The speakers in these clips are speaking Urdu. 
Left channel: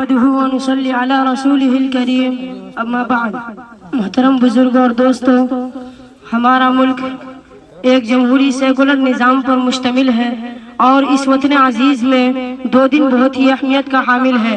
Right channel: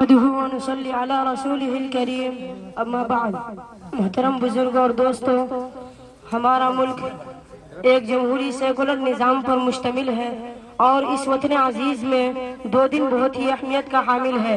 ونصلی علی رسولہ الکریم اما بعد۔ محترم بزرگوں اور دوستوں، ہمارا ملک ایک جمہوری سیکولر نظام پر مشتمل ہے اور اس وطن عزیز میں دو دن بہت ہی اہمیت کا حامل ہے۔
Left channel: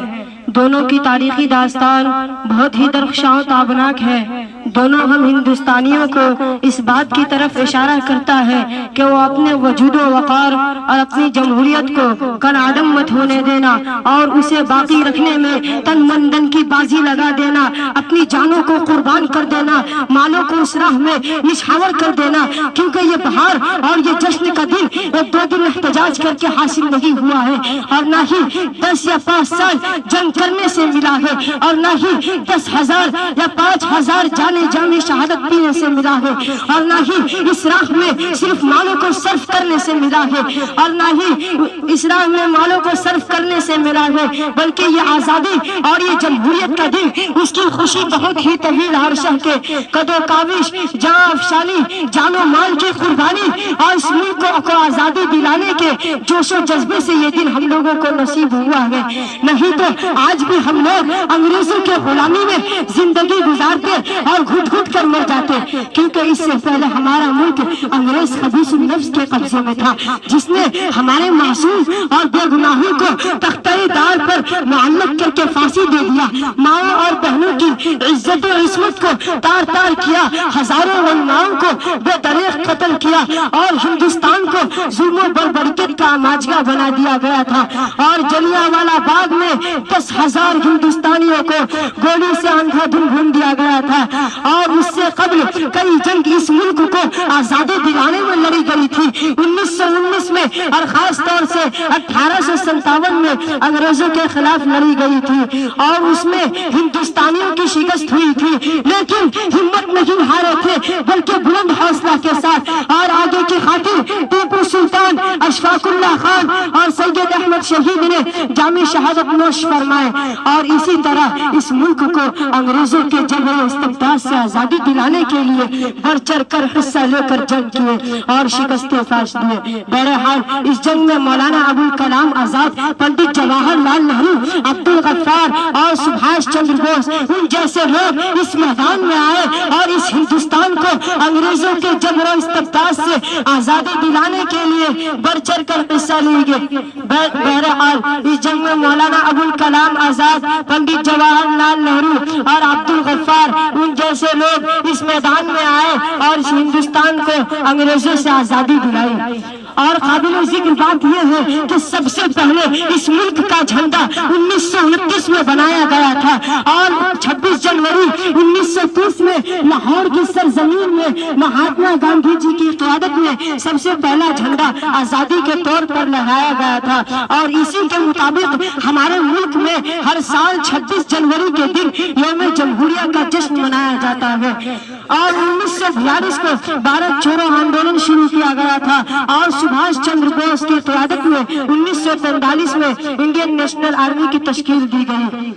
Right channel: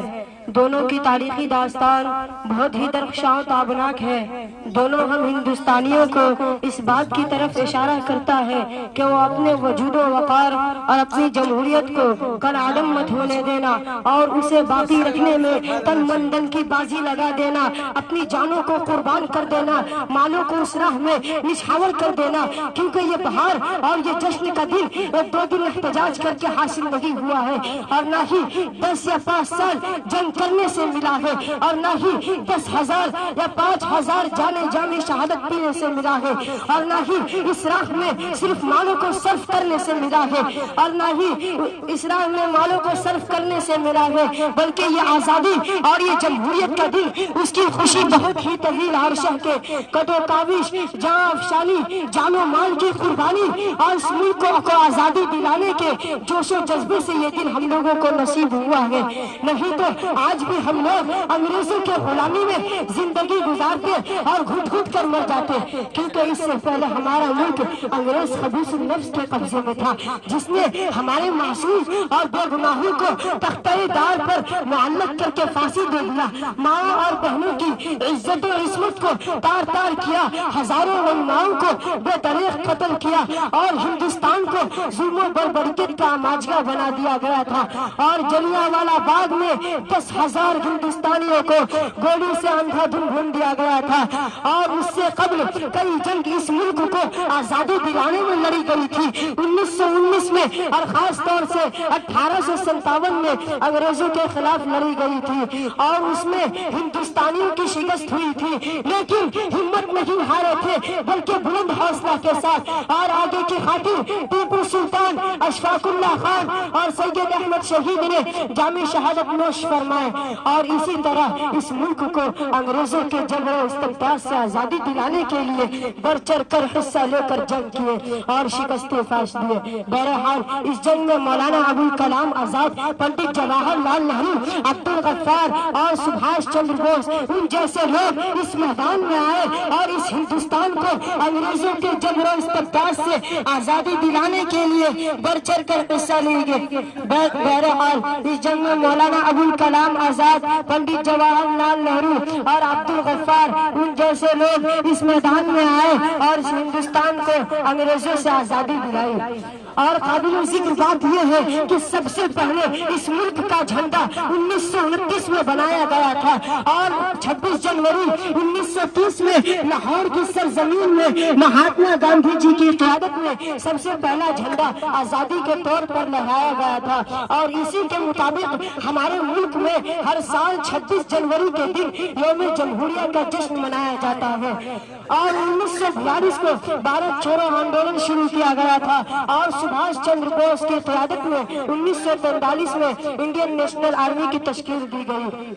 دونوں کی تاریخی داستان بہت ہی درخشاں و تابناک ہے۔ دونوں ہم ہندوستانیوں کو اس بات کی طرف اشارہ کرتا ہے کہ وہ اپنے وجود و وقار اور اپنی جمہوریت کو کالعدم مت ہونے دینا اور اسے باقی رکھنے میں تن من دن کی بازی لگا دینا، اپنی جانوں کو قربان کر دینا، مالوں کو اس راہ میں نچھاور کر دینا، کیونکہ یہ بہار اور یہ جشن کا دن ایک دو دن احتجاج کر کے حاصل نہیں ہوا ہے، اور نہ ہی 10 یا 5 سال جنگ کرنے سے ملا ہے، اور نہ ہی 10,000 یا 5,000 جانے جامی شہادت پینے سے ملا ہے، اور نہ ہی اس راہ میں صرف مالوں کو صرف کرنے سے ملا ہے، اور نہ ہی اس راہ میں مالوں کو صرف کرنے سے ملا ہے، بلکہ یہ آزادی اور یہ جمہوریت کا دن، اس کی خوشی بہت ہی طویل عرصہ کے قد و کاوش، جاں افشانی، جان و مال کی قربانی اور اس ملک کو آزادی دلانے کے جوش و جذبے سے یہ دن ہم لوگوں کو نصیب ہوا ہے۔ نہیں تو آج بھی ہم لوگ انگریزوں کے غلامی میں زندگی گزارتے اور گھٹ گھٹ کر مر جاتے، کیونکہ اس سے پہلے ہمارا ملک انگریز خبیث النفس کے قبضے میں تھا، جس نے ہمارے معصوم اور بے گناہوں کو تختہ دار پر معلق کر کے پھانسی دے دیا، ماؤں اور بہنوں کی عزت و عصمت کو تار تار کیا، ہزاروں علماؤں کو بے دریغ قتل کیا، اور ہندوستان کو ظلم و بربریت کا ماجگا بنا دیا گیا تھا، اور جلیانوالہ باغ میں 10,000 ہندوستانیوں کو گولی سے اندھا دھن بھون دیا گیا تھا، اور اس سے قبل کئی جنگ اس ملک کو آزادی دلانے میں لڑی گئی تھی۔ 1919 میں اور خاص طور سے 1857 میں انگریزوں کے خلاف لڑی گئی تھی، اور اس میں ہندوستانیوں کی شکست ہوئی تھی، لیکن ہمت نہیں ہارے تھے، بلکہ بلند حوصلہ کے ساتھ اور آگے کی خاطر ٹیپو سلطان، اشفاق اللہ خان اور سید احمد شہید نے جامی شہادت نوش فرمائے، اور اسی طرح اس ملک کو انگریزوں کے جبر و استبداد سے آزادی دلانے کے لیے بڑھ چڑھ کر حصہ لے کر جنگ کیے اور شکستیں فاش دیے۔ بہرحال اس جنگ میں مولانا ابوالکلام آزاد، پنڈت جواہر لال نہرو، عبدالغفار اور سبھاش چندر بوس، ان جیسے لوگ اس میدان میں آئے اور اس ہندوستان کو انگریزوں کے جبر و استبداد سے آزادی دلانے کے لیے بڑھ چڑھ کر حصہ لیں گے۔ بہرحال اس جنگ میں مولانا ابوالکلام آزاد، پنڈت جواہر لال نہرو اور عبدالغفار، ان جیسے لوگ اس میدان میں آئے اور اس ہندوستان کو انگریزوں سے آزادی دلائی۔ اور قابل ذکر بات یہ ہے کہ سب سے پہلے اس ملک کا جھنڈا 1929 میں بنایا گیا تھا، اور 26 جنوری 1930 میں لاہور کی سرزمین میں مہاتما گاندھی جی کی قیادت میں سب سے پہلا جھنڈا آزادی کے طور پر لہرایا گیا تھا، اور اسی کے مطابق ہمارے ملک میں ہر سال 26 جنوری کے دن یوم جمہوریہ کا جشن منایا جاتا ہے۔ اور 1942 کو بھارت چھوڑو آندولن شروع کیا گیا تھا، اور سبھاش چندر بوس کی قیادت میں 1945 میں انڈین نیشنل آرمی کی تشکیل دی گئی۔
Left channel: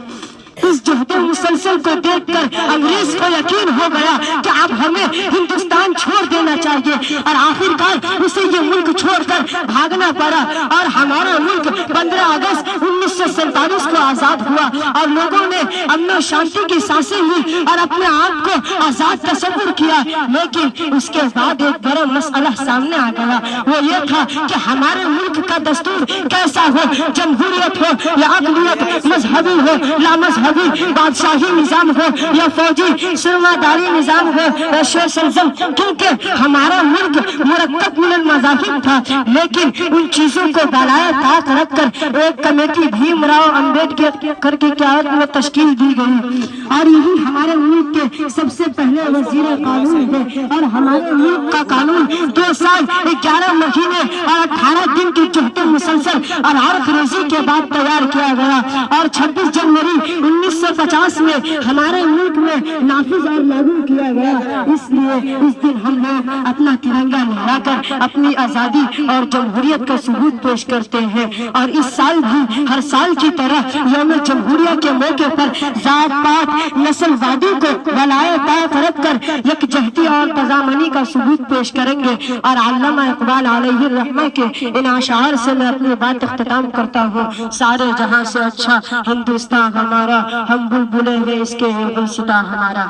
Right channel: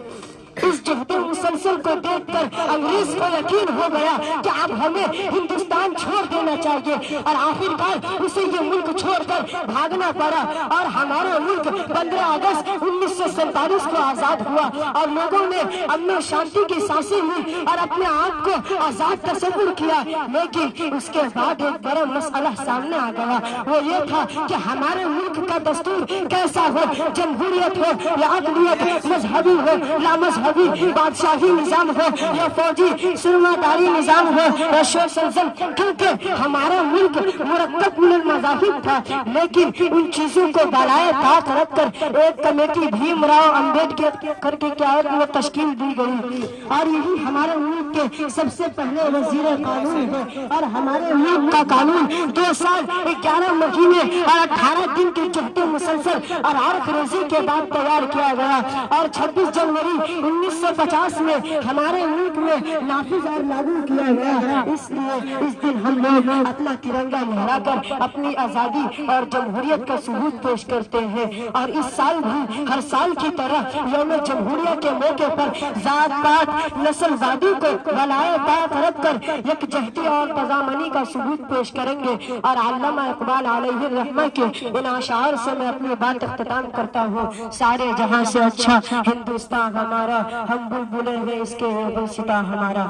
اس جہد مسلسل کو دیکھ کر انگریز کو یقین ہو گیا کہ اب ہمیں ہندوستان چھوڑ دینا چاہیے، اور آخرکار اسے یہ ملک چھوڑ کر بھاگنا پڑا، اور ہمارا ملک 15 اگست 1947 کو آزاد ہوا، اور لوگوں نے امن و شانتی کی سانسیں لی اور اپنے آپ کو آزاد تصور کیا۔ لیکن اس کے بعد ایک بڑا مسئلہ سامنے آ گیا، وہ یہ تھا کہ ہمارے ملک کا دستور کیسا ہو، جمہوریت ہو یا اقلیت، مذہبی ہو لا مذہبی، بادشاہی نظام ہو یا فوجی سرماداری نظام ہو یا سوشلزم، کیونکہ ہمارا ملک مرکب من المذاہب تھا، لیکن ان چیزوں کو بالائے طاق رکھ کر ایک کمیٹی بھیم راؤ امبیڈکر کی قیادت میں تشکیل دی گئی، اور یہی ہمارے ملک کے سب سے پہلے وزیر قانون ہے، اور ہمارے ملک کا قانون 2 سال 11 مہینے اور 18 دن کی جہد مسلسل اور عرق ریزی کے بعد تیار کیا گیا، اور 26 جنوری 1950 میں ہمارے ملک میں نافذ اور لاگو کیا گیا۔ اس لیے اس دن ہم لوگ اپنا ترنگا لہرا کر اپنی آزادی اور جمہوریت کا ثبوت پیش کرتے ہیں، اور اس سال بھی ہر سال کی طرح یوم جمہوریہ کے موقع پر ذات پات نسل وادی کو بالائے طاق رکھ کر کر یکجہتی اور تضامنی کا ثبوت پیش کریں گے، اور علامہ اقبال علیہ الرحمہ کے ان اشعار سے میں اپنی بات اختتام کرتا ہوں۔ سارے جہاں سے اچھا ہندوستان ہمارا، ہم بلبلیں ہیں اس کے گلستاں ہمارا۔